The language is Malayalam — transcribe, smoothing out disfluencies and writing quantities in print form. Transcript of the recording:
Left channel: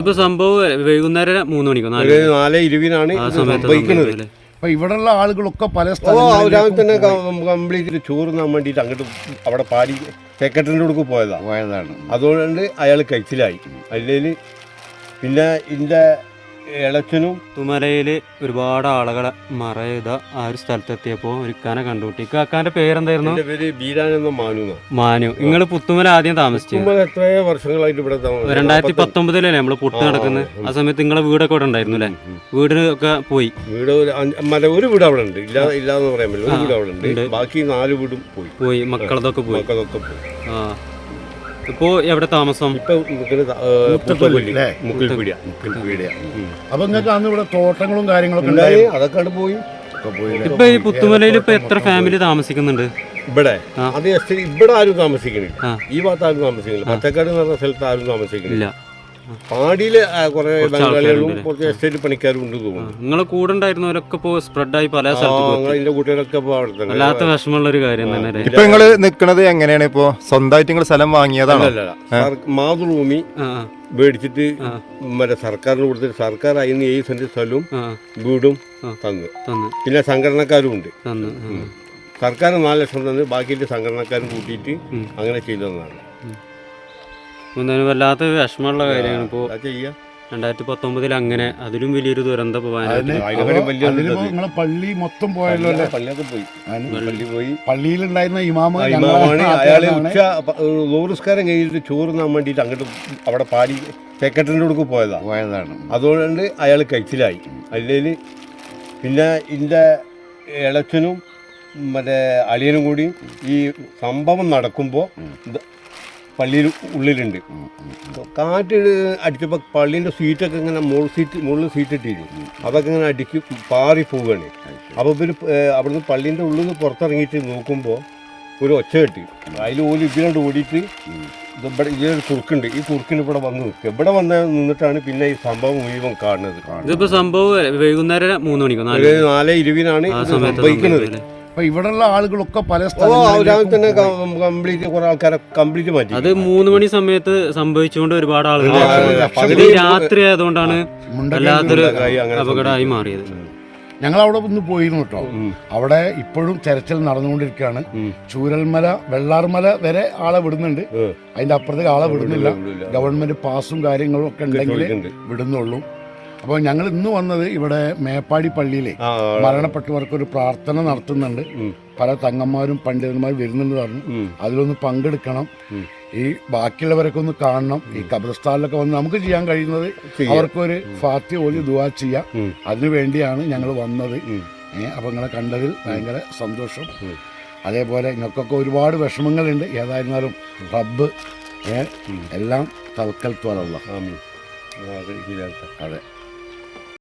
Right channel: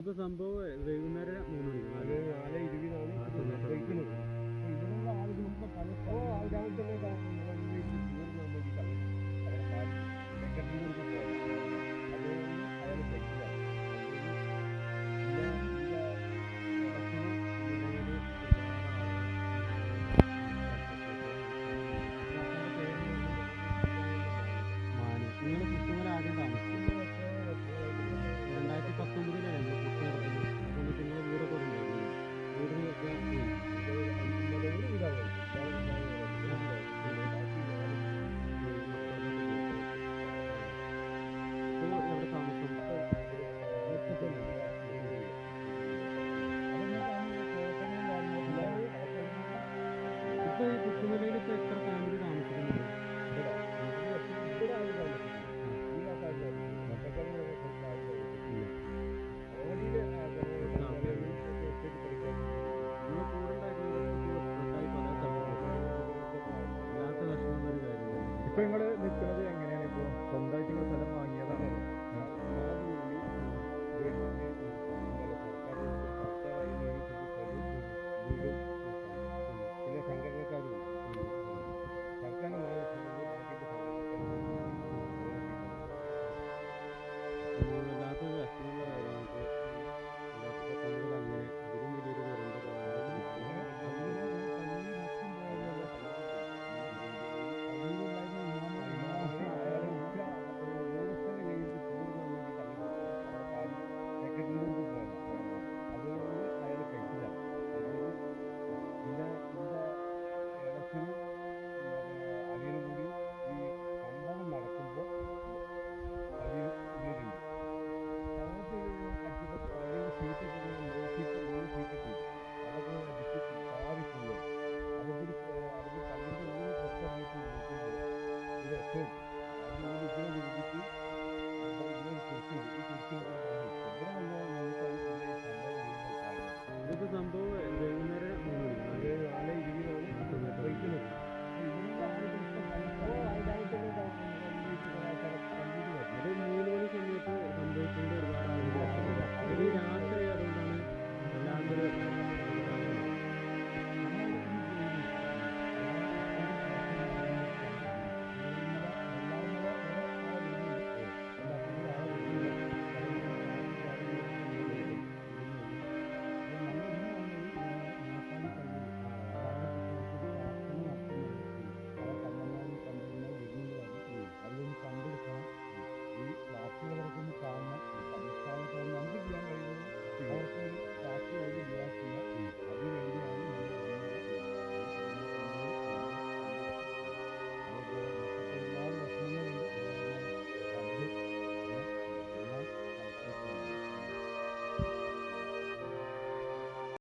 ഇപ്പൊ സംഭവം വൈകുന്നേരം 3 മണിക്കോ 4:20 സംഭവിക്കുന്നത്. അപ്പൊ ഇവിടെയുള്ള ആളുകളൊക്കെ പല രാവിലെ തന്നെ കംപ്ലീറ്റ് ചോറുന്നാൻ വേണ്ടിയിട്ട് അങ്ങോട്ട് അവിടെ പാടി സെക്രട്ടറിൻ്റെ അടുക്ക് പോയതാണ്. അതുകൊണ്ട് അയാൾ കഴിച്ചിലായി. അല്ലെങ്കിൽ പിന്നെ ഇതിൻ്റെ ഇളച്ചനും പുത്തുമലയില് ഒരുപാട് ആളുകളെ മറയുത ആ ഒരു സ്ഥലത്തെത്തിയപ്പോ ഒരു ഇക്കാനെ കണ്ടുപിട്ടി. ഇക്കാന്റെ പേരെന്തായിരുന്നു? മാനു. നിങ്ങൾ പുത്തുമല ആദ്യം താമസിച്ചു? എത്രയോ വർഷങ്ങളായിട്ട് ഇവിടെ 2019 നമ്മള് പുട്ട് നടക്കുന്നത്. ആ സമയത്ത് നിങ്ങളെ വീടൊക്കെ ഇവിടെ ഉണ്ടായിരുന്നു അല്ലേ? വീടൊക്കെ പോയി. വീട് ഒരു വീട് അവിടെ ഉണ്ട്, ഇല്ലാന്ന് പറയാൻ പറ്റില്ല. ഒരു വീട് അവിടെ ഉണ്ട്, ബാക്കി 4 വീടും പോയി. മക്കളതൊക്കെ പോയി. ആ ഇപ്പോ എവിടെ താമസം? അപ്പൊ നിങ്ങൾക്ക് അന്ന് ഇവിടെ തോട്ടങ്ങളും കാര്യങ്ങളൊക്കെ ഉണ്ടായി, അതൊക്കെ പോയി. ഇപ്പൊ ഈ പുത്തുമലയിൽ ഇപ്പൊ എത്ര ഫാമിലി താമസിക്കുന്നുണ്ട്? ഇവിടെ അത് ഇവിടെ ആരും താമസിക്കണില്ല, ഈ ഭാഗത്ത് ആരും താമസിക്കുന്നില്ല. പച്ചക്കാട് എന്ന് പറഞ്ഞ സ്ഥലത്ത് ആരും താമസിക്കുന്നില്ല. പാടിയില് കുറെ ബംഗാളികളും കുറച്ച് എസ്റ്റേറ്റ് പണിക്കാരും ഉണ്ട് തോന്നുന്നു. നിങ്ങളെ കൂടെ ഉണ്ടായിരുന്നവരൊക്കെ ഇപ്പോ സ്പ്രെഡായി പല സ്ഥലത്തും. കൂട്ടുകാരൊക്കെ വല്ലാത്ത വിഷമമുള്ള ഒരു കാര്യം തന്നെ. ഇപ്പൊ നിങ്ങള് നിക്കണത് എങ്ങനെയാണ്? ഇപ്പൊ സ്വന്തമായിട്ട് നിങ്ങൾ സ്ഥലം വാങ്ങിയതാണോ? മാതൃഭൂമി മേടിച്ചിട്ട് മറ്റേ സർക്കാരിന് കൊടുത്തിട്ട് സർക്കാർ അതിന് 7 സെന്റ് സ്ഥലവും വീടും തന്നു. പിന്നെ സംഘടനക്കാരും ഉണ്ട്. സർക്കാർ 4 ലക്ഷം തന്ന് ബാക്കിയിട്ട് സംഘടനക്കാരും കൂട്ടിയിട്ട് അങ്ങനെ ചെയ്തതാണ്. വല്ലാത്ത വിഷമമുള്ള കാര്യമാണ്. ഇപ്പോൾ 2019 അങ്ങനെ അതിലും വലിയൊരു ദുരന്തം പള്ളി മൊത്തം പോയല്ലോ. പള്ളിയിലുണ്ടായിരുന്ന ഇമാമാണ് അയാള് ഉച്ചസ്കാരം കഴിഞ്ഞിട്ട് ചോറുന്നാൻ വേണ്ടിയിട്ട് അങ്ങോട്ട് അവിടെ പാടി സെക്രട്ടറിൻ്റെ അടുക്ക് പോയതാണ്. അതുകൊണ്ട് അയാൾ കഴിച്ചിലായി. അല്ലെങ്കിൽ പിന്നെ ഇതിൻ്റെ ഇളച്ചനും മറ്റേ അളിയനും കൂടി ഈ സംഭവം നടക്കുമ്പോൾ പള്ളിയിൽ ഉള്ളിലുണ്ട്. കാറ്റ് അടിച്ചപ്പോൾ പള്ളീൻ്റെ സീറ്റൊക്കെ ഇങ്ങനെ മുകളിൽ സീറ്റ് ഇട്ടിരുന്നു, അതൊക്കെ ഇങ്ങനെ അടിച്ച് പാറി പോവുകയാണ്. അപ്പോൾ ഇവർ അവിടുന്ന് പള്ളീൻ്റെ ഉള്ളിൽ നിന്ന് പുറത്തിറങ്ങിയിട്ട് നോക്കുമ്പോൾ ഒരു ഒച്ച കെട്ടി. അതിൽ ഓല് ഇതിനോട് ഓടിയിട്ട് ഇവിടെ ഇതിലൊരു കുറുക്കുണ്ട്, ഈ കുറുക്കിന് ഇവിടെ വന്ന് നിൽക്കുക. ഇവിടെ നിന്നിട്ടാണ് പിന്നെ ഈ സംഭവം മുഴുവൻ കാണുന്നത്. ഇതിപ്പോ സംഭവം വൈകുന്നേരം 3 മണിക്കോ 4:20 സംഭവിക്കുന്നത്. അപ്പൊ ഇവിടെയുള്ള ആളുകളൊക്കെ പല രാവിലെ തന്നെ കംപ്ലീറ്റ് കുറെ ആൾക്കാരെ കംപ്ലീറ്റ് മാറ്റി. അത് 3 മണി സമയത്ത് സംഭവിച്ചുകൊണ്ട് ഒരുപാട് ആളുകൾ രാത്രി ആയതുകൊണ്ടാണ് വല്ലാത്തൊരു അപകടമായി മാറിയത്. ഞങ്ങൾ അവിടെ ഒന്ന് പോയിരുന്നു കേട്ടോ. അവിടെ ഇപ്പോഴും തെരച്ചിൽ നടന്നുകൊണ്ടിരിക്കുകയാണ്. ചൂരൽമല, വെള്ളാർമല വരെ ആളെ വിടുന്നുണ്ട്, അതിന്റെ അപ്പുറത്തേക്ക് ആളെ വിടുന്നില്ല. ഗവൺമെന്റ് പാസും കാര്യങ്ങളും ഒക്കെ ഉണ്ടെങ്കിൽ വിടുന്നുള്ളൂ. അപ്പോൾ ഞങ്ങൾ ഇന്ന് വന്നത് ഇവിടെ മേപ്പാടി പള്ളിയിലെ മരണപ്പെട്ടവർക്കൊരു പ്രാർത്ഥന നടത്തുന്നുണ്ട്. പല തങ്ങന്മാരും പണ്ഡിതന്മാരും വരുന്നുണ്ട് പറഞ്ഞു. അതിലൊന്ന് പങ്കെടുക്കണം, ഈ ബാക്കിയുള്ളവരൊക്കെ ഒന്ന് കാണണം. ഈ ഖബർസ്ഥാനിലൊക്കെ വന്ന് നമുക്ക് ചെയ്യാൻ കഴിയുന്നത് അവർക്കൊരു ഫാത്തി ഓലി ദുആ ചെയ്യാം. അതിനു വേണ്ടിയാണ് ഞങ്ങൾ വന്നത്. അപ്പോൾ നിങ്ങളെ കണ്ടതിൽ ഭയങ്കര സന്തോഷം. അതേപോലെ നിങ്ങൾക്കൊക്കെ ഒരുപാട് വിഷമങ്ങളുണ്ട്. ഏതായിരുന്നാലും റബ്ബ് എല്ലാം തവക്കൽ ത്വലല്ലാഹ്. അതെ.